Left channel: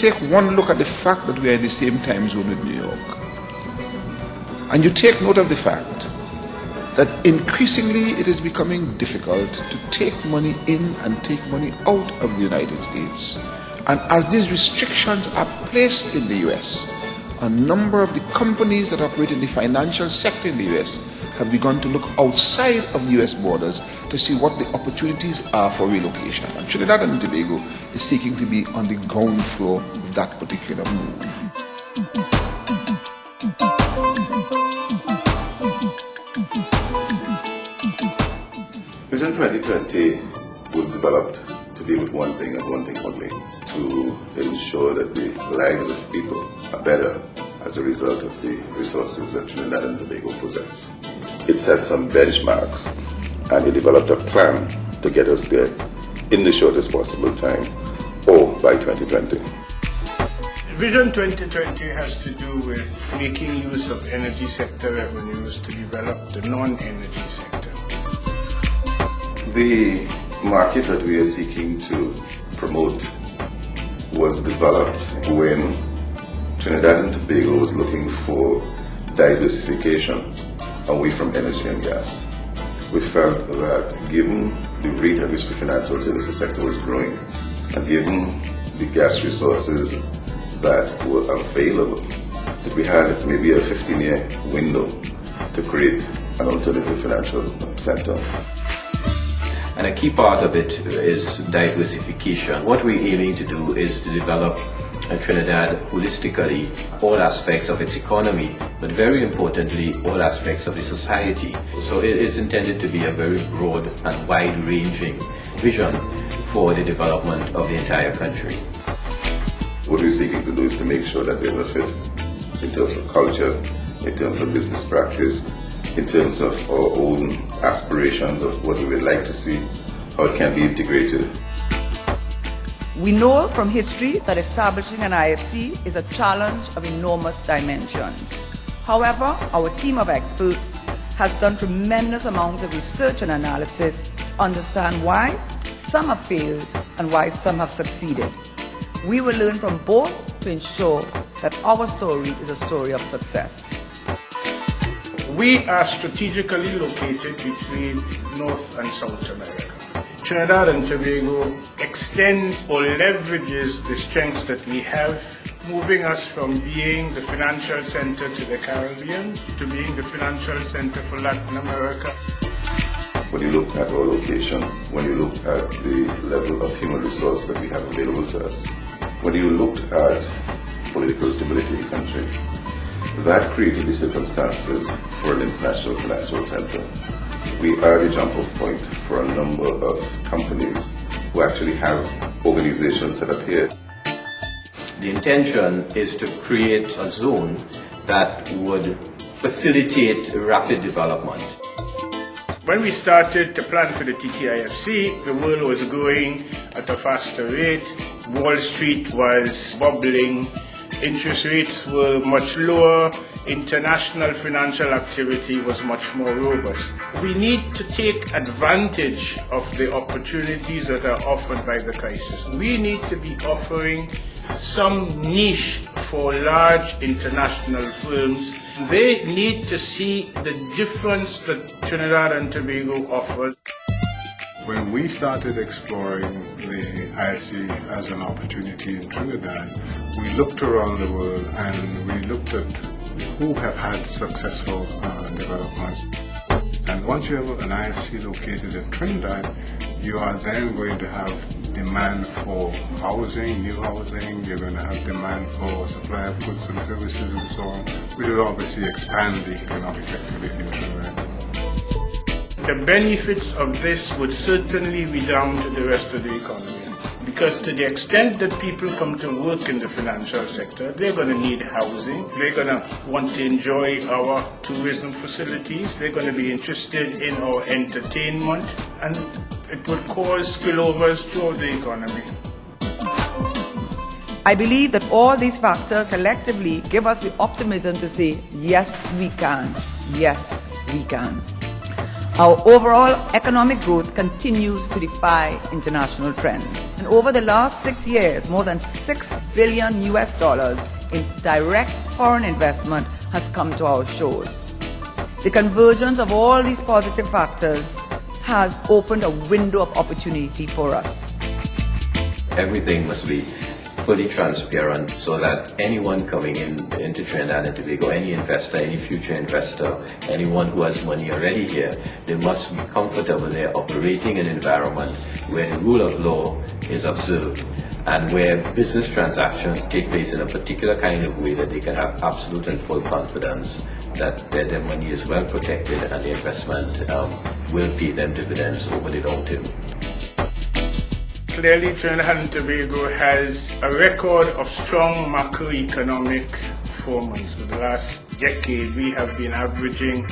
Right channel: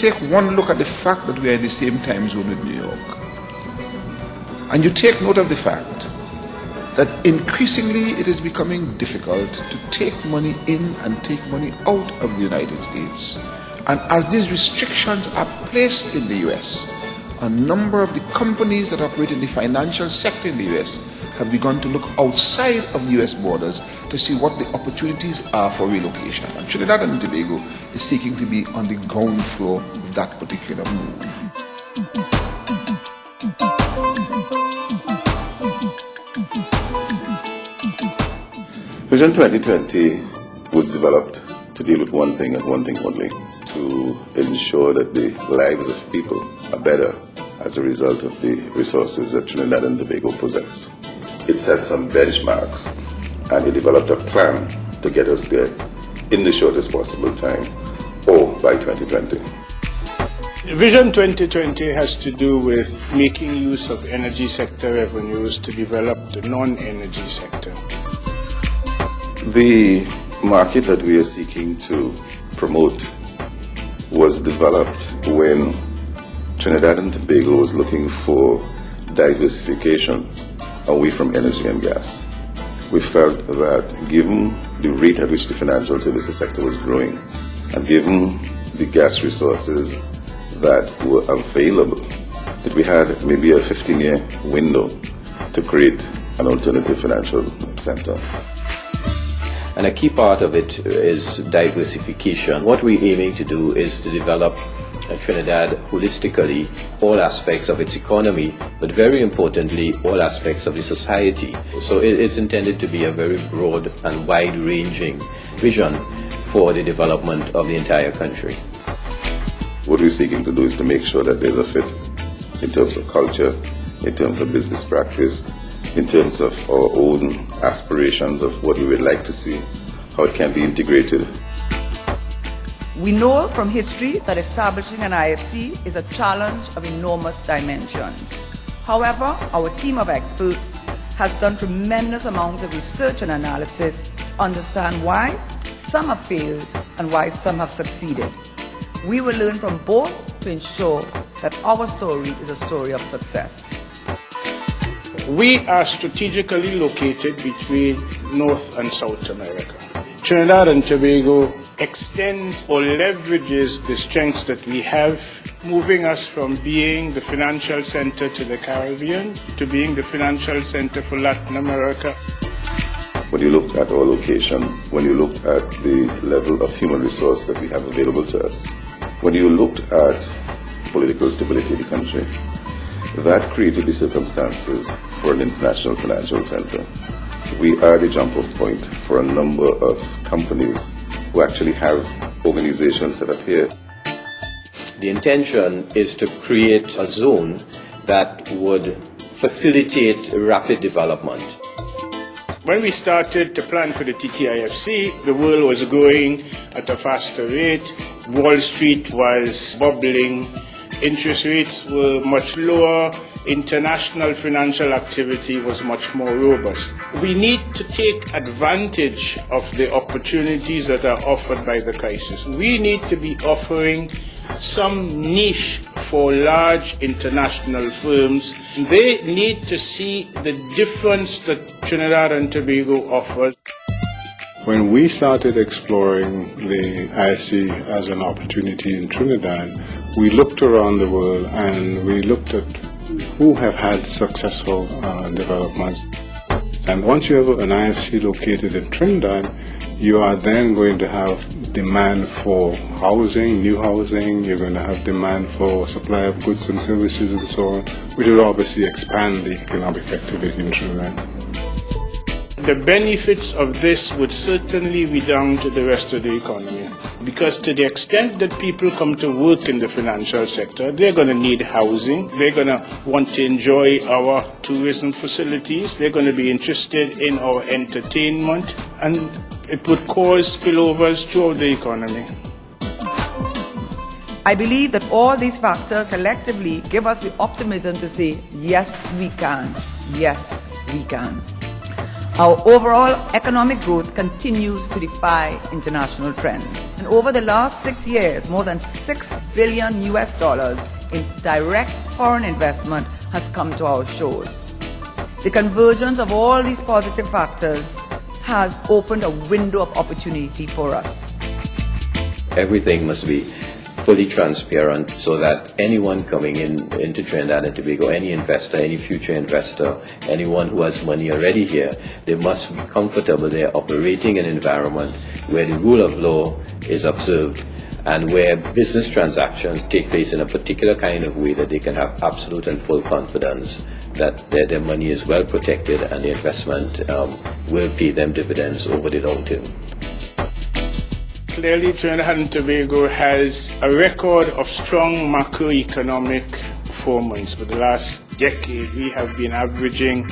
take one look at the fact that we are in the same time zone with New York, and you take note of the fact that increasingly it is becoming difficult to take money in and take money out of the United States. And as these restrictions are placed in the US, a number of the companies that operate in the financial sector in the US have begun to look outside of the US borders to see what the opportunities are for relocation. And Trinidad and Tobago is seeking to be on the ground floor of that particular move. Vision 2020 was developed to deal with one thing and one thing only, to ensure that the lives of people are better as a result of the resources that Trinidad and Tobago possessed. It set some benchmarks and it developed a plan to get us there in the shortest possible time, or by 2020. Vision 2020 has to do with making use of energy sector revenues to develop the non-energy sector. The market that we are seeking to promote was developed when Trinidad and Tobago was looking for diversification away from energy and gas. We felt that given the rate at which the financial services sector was growing, and given the gas resources that were available, that we had maybe a 15-year window to create an alternative financial center. And a key part of it is diversification. What we're aiming to do is to develop Trinidad holistically, all aspects of its economy, but very importantly, all aspects of the society. So it is intended to be a very broad and wide-ranging vision for the development of the entire country. What we're seeking to do is to make sure that there's a fit in terms of culture, in terms of business practice, in terms of our own aspirations of what we would like to see, how it can be integrated. We know from history that establishing an IFC is a challenge of enormous dimensions. However, our team of experts has done tremendous amounts of research and analysis to understand why some have failed and why some have succeeded. We will learn from both to ensure that our story is a story of success. We are strategically located between North and South America. Trinidad and Tobago extends or leverages the strengths that we have, moving us from being the financial center to the Caribbean to being the financial center for Latin America. When you look at our location, when you look at the level of human resource that we have available to us, when you looked at political stability in the country, that created the circumstances for an international financial center. We are the jump-off point for a number of companies who actually have organizations set up here. The intention is to create a zone that would facilitate rapid development. When we started to plan for the TTIFC, the world was growing at a faster rate. Wall Street was bubbling. Interest rates were much lower. International financial activity was much more robust. We need to take advantage of the opportunities that are offered by the crisis. We need to be offering some niche for large international firms. They need to see the difference that Trinidad and Tobago offers. When we started exploring the IFC as an opportunity in Trinidad, we looked around the world and we looked at who have had successful developments. And once you have an IFC located in Trinidad, you are then going to have demand for housing, new housing, you're going to have demand for supply of goods and services and so on, which will obviously expand the economic activity in Trinidad. The benefits of this would certainly be down to the rest of the economy. Because to the extent that people come to work in the financial sector, they're going to need housing, they're going to want to enjoy our tourism facilities, they're going to be interested in our entertainment, and it would cause spillovers throughout the economy. I believe that all these factors collectively give us the optimism to say, yes, we can. Yes, we can. Our overall economic growth continues to defy international trends. And over the last 6 years, more than $6 billion in direct foreign investment has come to our shores. The convergence of all these positive factors has opened a window of opportunity for us. Everything must be fully transparent so that anyone coming into Trinidad and Tobago, any investor, any future investor, anyone who has money already here, they must be comfortable they're operating in an environment where the rule of law is observed and where business transactions take place in a particular kind of way that they can have absolute and full confidence that their money is well protected and the investment will pay them dividends over the long term. Clearly, Trinidad and Tobago has a record of strong macroeconomic performance. For the last decade, we have been averaging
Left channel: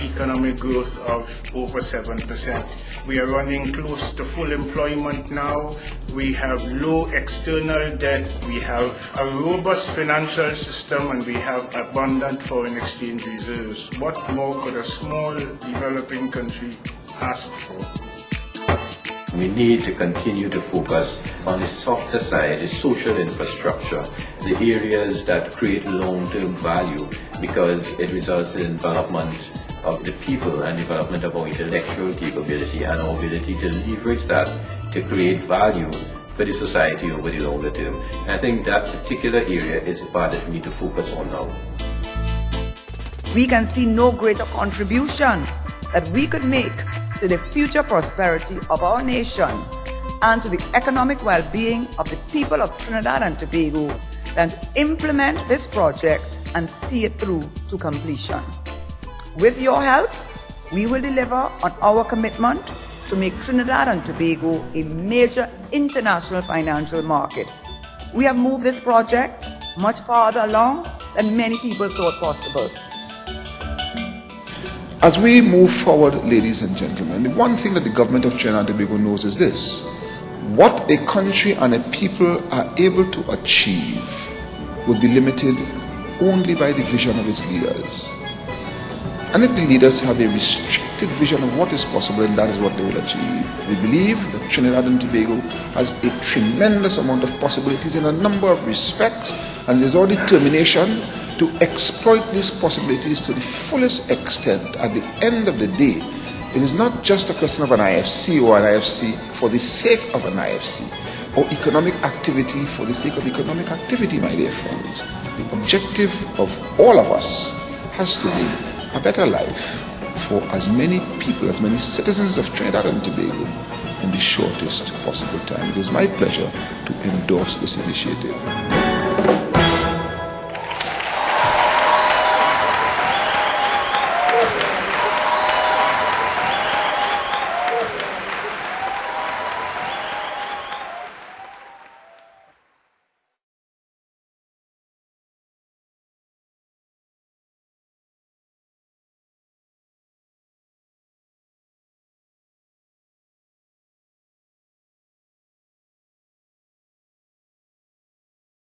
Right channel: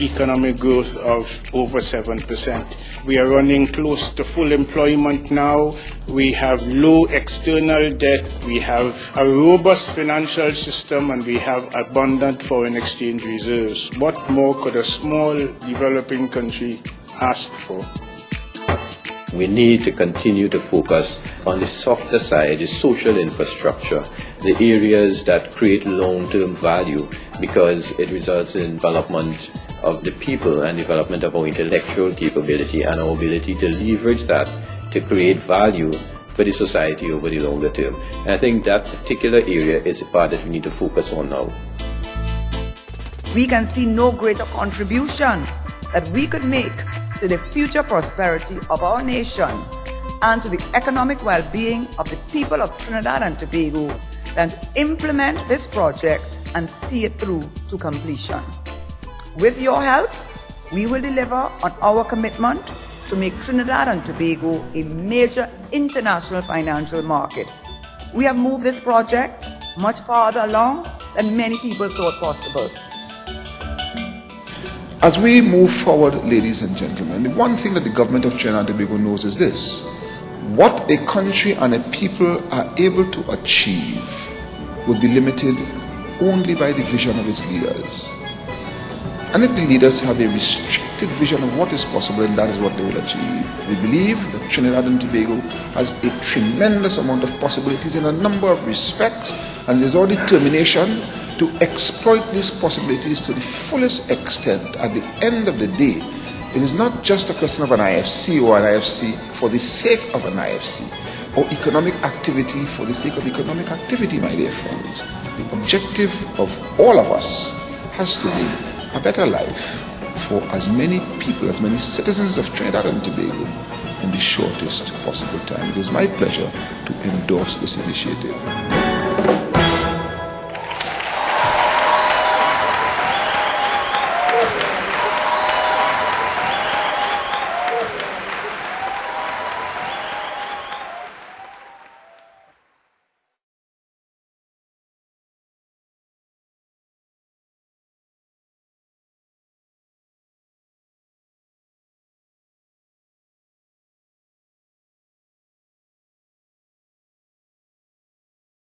economic growth of over 7%. We are running close to full employment now. We have low external debt. We have a robust financial system, and we have abundant foreign exchange reserves. What more could a small developing country ask for? We need to continue to focus on the softer side, the social infrastructure, the areas that create long-term value because it results in development of the people and development of our intellectual capability and our ability to leverage that to create value for the society over the longer term. And I think that particular area is the part that we need to focus on now. We can see no greater contribution that we could make to the future prosperity of our nation and to the economic well-being of the people of Trinidad and Tobago than to implement this project and see it through to completion. With your help, we will deliver on our commitment to make Trinidad and Tobago a major international financial market. We have moved this project much farther along than many people thought possible. As we move forward, ladies and gentlemen, the one thing that the government of Trinidad and Tobago knows is this: what a country and a people are able to achieve will be limited only by the vision of its leaders. And if the leaders have a restricted vision of what is possible, then that is what they will achieve. We believe that Trinidad and Tobago has a tremendous amount of possibilities in a number of respects, and there's all determination to exploit these possibilities to the fullest extent. At the end of the day, it is not just a question of an IFC or an IFC for the sake of an IFC, or economic activity for the sake of economic activity, my dear friends. The objective of all of us has to be a better life for as many people, as many citizens of Trinidad and Tobago in the shortest possible time. It is my pleasure to endorse this initiative.